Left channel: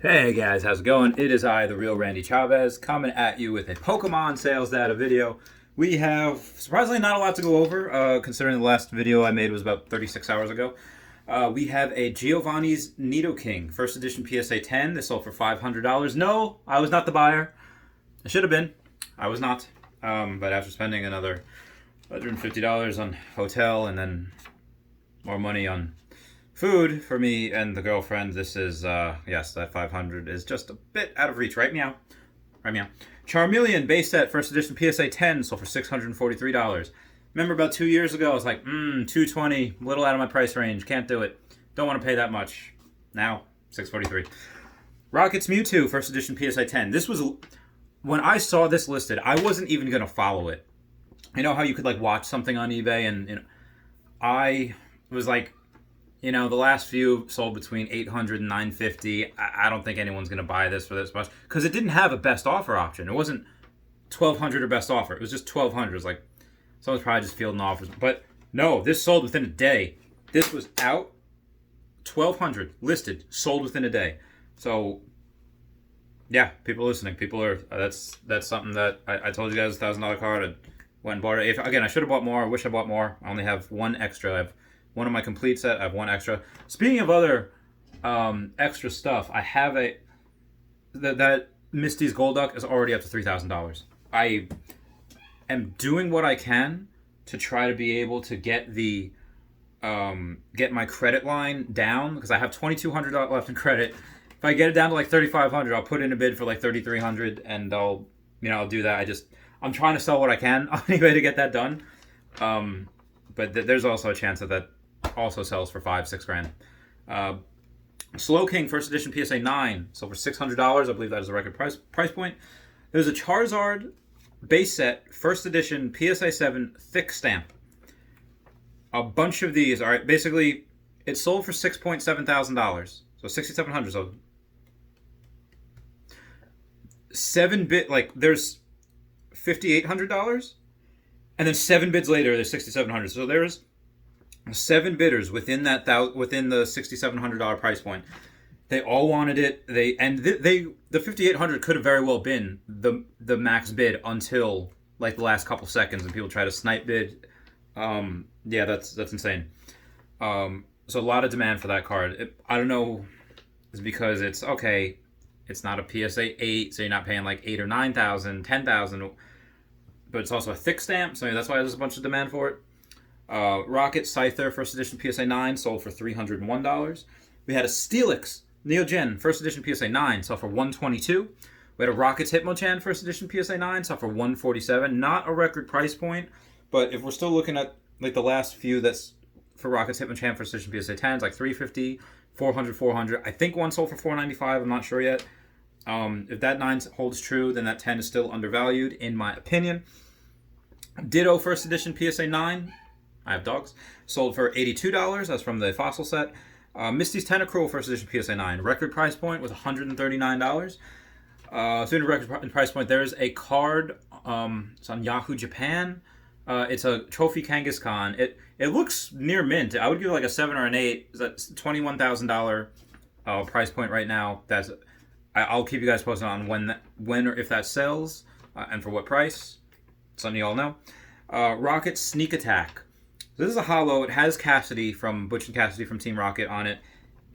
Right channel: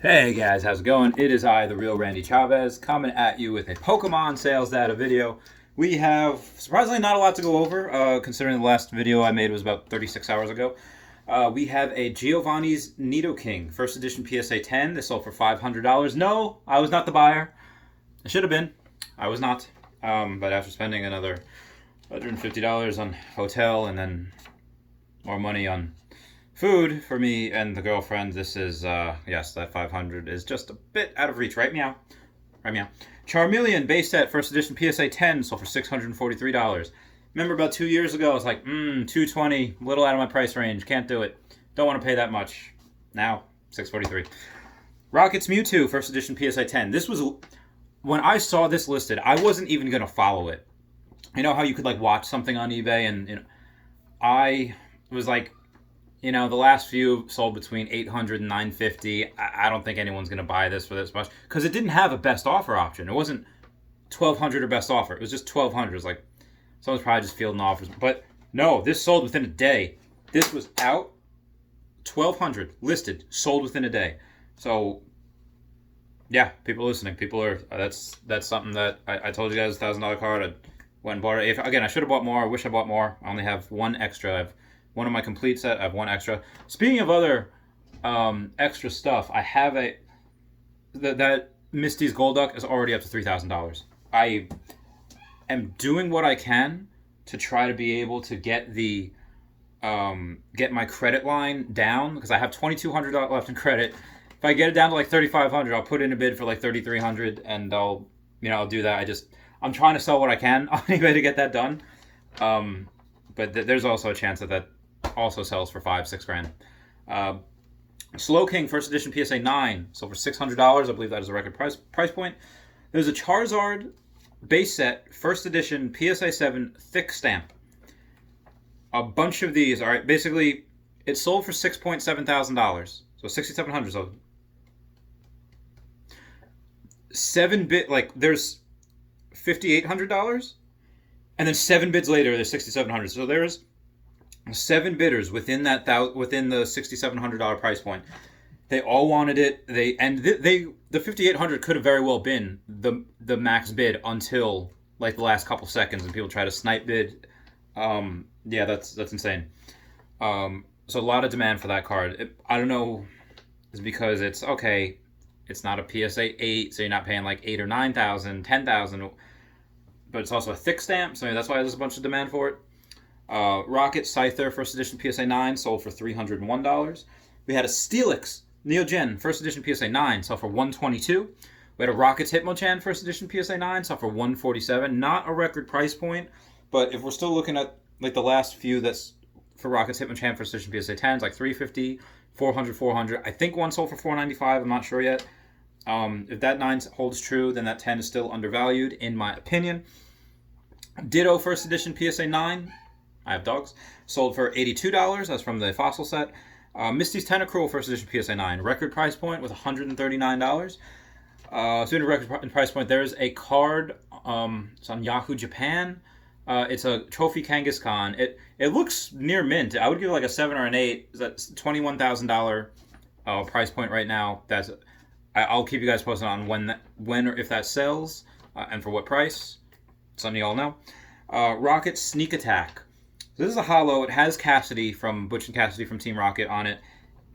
Hey guys, how's it going? It is I, the real Randy Chavez, coming at you with a Pokemon sales data video. We have surprisingly not a lot to go over, considering the last video I made was about 36 hours ago. We have a Giovanni's Nidoking, first edition PSA 10. This sold for $500. No, I was not the buyer. I should have been. I was not. But after spending another $150 on hotel and then more money on food for me and the girlfriend, this is, yes, that 500 is just a bit out of reach. Right, meow? Right, meow? Charmeleon base set, first edition PSA 10, sold for $643. Remember about 2 years ago, I was like, 220, little out of my price range, can't do it. Don't want to pay that much. Now, $643. Rockets Mewtwo, first edition PSA 10. This was, when I saw this listed, I wasn't even going to follow it. You know how you could, like, watch something on eBay and I was like, the last few sold between 800 and 950. I don't think anyone's going to buy this for this much because it didn't have a best offer option. It wasn't 1200 or best offer. It was just 1200. It's like someone's probably just fielding offers. But no, this sold within a day. This was out 1200 listed, sold within a day. So yeah, people listening, people are that's something that I told you guys, $1,000 card. I went and bought it. Again, I should have bought more. I wish I bought more. I only have one extra. I have one of my complete set. I have one extra. Speaking of other extra stuff, I have that Misty's Golduck is already up to $3,000. I am doing what I can to try to be able to get the get my credit line down because I have $2,200 left in credit. If I get it down to like $3,500, I'll put in a bid for like $3,300, and I'll do that. I'm trying to sell what I can on eBay to get that done. But there's also a chance that also sells for $5-6 grand. Slowking first edition PSA 9 sold for $600. I believe that is a record price point. There's a Charizard base set first edition PSA 7 thick stamp. A bunch of these are basically it sold for $6.7 thousand, so $6,700. So 7-bit, like there's $5,800, and then 7 bids later there's $6,700. So there's 7 bidders within within the $6,700 price point. They all wanted it. The $5,800 could have very well been the max bid until like the last couple seconds, and people try to snipe bid. Yeah, that's insane. So a lot of demand for that card. I don't know, it's because it's okay. It's not a PSA 8, so you're not paying like 8 or 9,000, 10,000, but it's also a thick stamp, so that's why there's a bunch of demand for it. Rocket Scyther first edition PSA 9 sold for $301. We had a Steelix Neogen first edition PSA 9 sold for $122. We had a Rockets Hitmonchan first edition PSA 9 sold for $147. Not a record price point, but if we're still looking at like the last few that's for Rockets Hitmonchan first edition PSA 10s, like $350, $400, $400. I think one sold for $495. I'm not sure yet. If that 9 holds true, then that 10 is still undervalued, in my opinion. Ditto first edition PSA 9. I have dogs. Sold for $82. That's from the fossil set. Misty's Tentacruel first edition PSA 9. Record price point with $139. Speaking of record price point, there's a card. It's on Yahoo Japan. It's a Trophy Kangaskhan. It looks near mint. I would give it like a 7 or an 8. That's $21,000 price point right now. I'll keep you guys posted on when or if that sells and for what price. Something you all know. Rocket Sneak Attack. This is a holo. It has Cassidy from Butch and Cassidy from Team Rocket on it,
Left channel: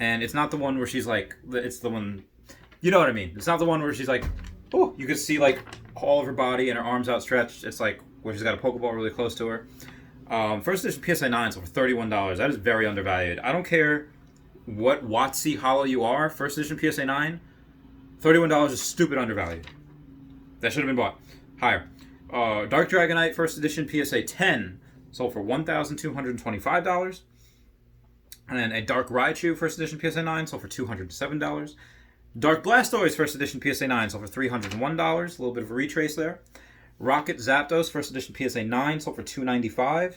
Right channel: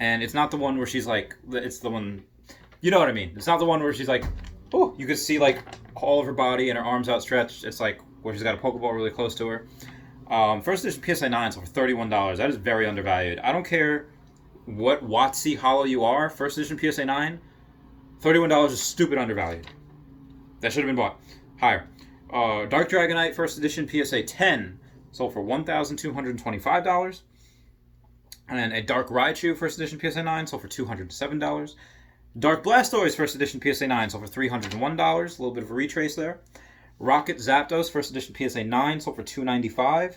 and it's not the one where she's like. It's the one, you know what I mean. It's not the one where she's like, oh, you can see like all of her body and her arms outstretched. It's like where she's got a Pokeball really close to her. First edition PSA 9 sold for $31. That is very undervalued. I don't care what WotC holo you are. First edition PSA 9, $31 is stupid undervalued. That should have been bought higher. Dark Dragonite first edition PSA 10 sold for $1,225. And then a Dark Raichu first edition PSA 9 sold for $207. Dark Blastoise first edition PSA 9 sold for $301. A little bit of a retrace there. Rocket Zapdos first edition PSA 9 sold for $295.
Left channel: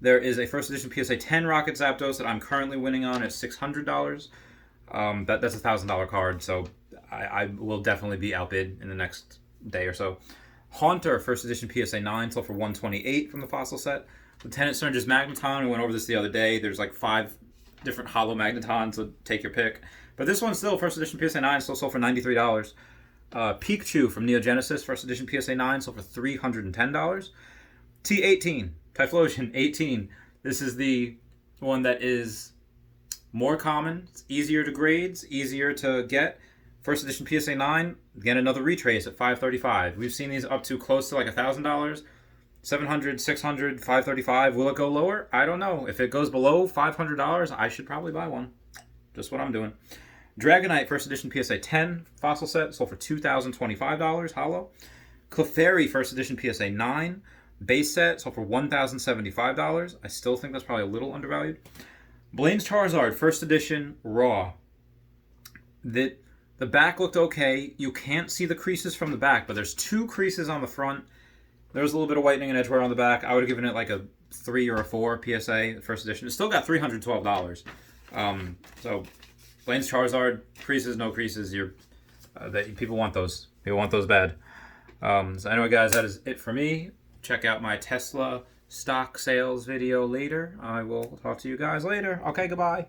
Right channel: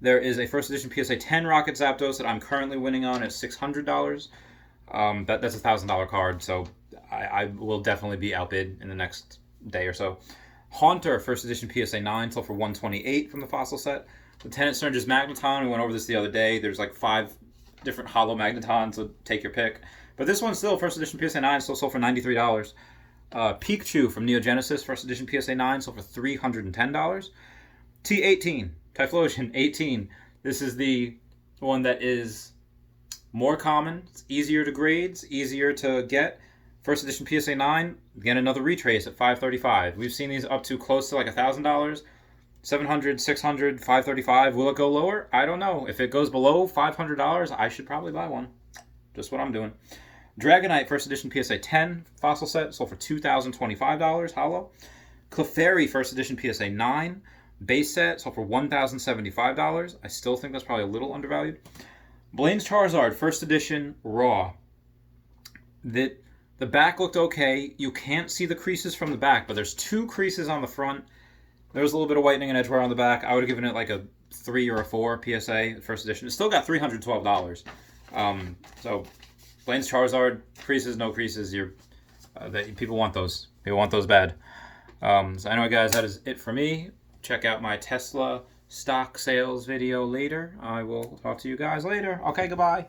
There is a first edition PSA 10 Rocket Zapdos that I'm currently winning on at $600. That's a $1,000 card, so I will definitely be outbid in the next day or so. Haunter first edition PSA 9 sold for $128 from the fossil set. Lieutenant Surge's Magneton, we went over this the other day. There's like 5 different holo Magnetons, so take your pick. But this one's still first edition PSA 9, still sold for $93. Pikachu from Neo Genesis, first edition PSA 9, sold for $310. T18, Typhlosion 18. This is the one that is more common. It's easier to grade, it's easier to get. First edition PSA 9, again, another retrace at $535. We've seen these up to close to like $1,000, $700, $600, $535. Will it go lower? I don't know. If it goes below $500, I should probably buy one. Just what I'm doing. Dragonite, first edition PSA 10 fossil set, sold for $2,025, hollow. Clefairy, first edition PSA 9 base set, sold for $1,075. I still think that's probably a little undervalued. Blaine's Charizard, first edition raw. The back looked okay. You can't see the creases from the back, but there's 2 creases on the front. There's a little bit of whitening and edge wear on the back. I would have given it like a 3 or a 4 PSA, first edition. It still got $312. So Blaine's Charizard, creases, no creases. People want those. People want those bad. So anyway, guys, that is it for me. Check out my Tesla stock sales video later. I will talk to you guys later. Okay, goodbye.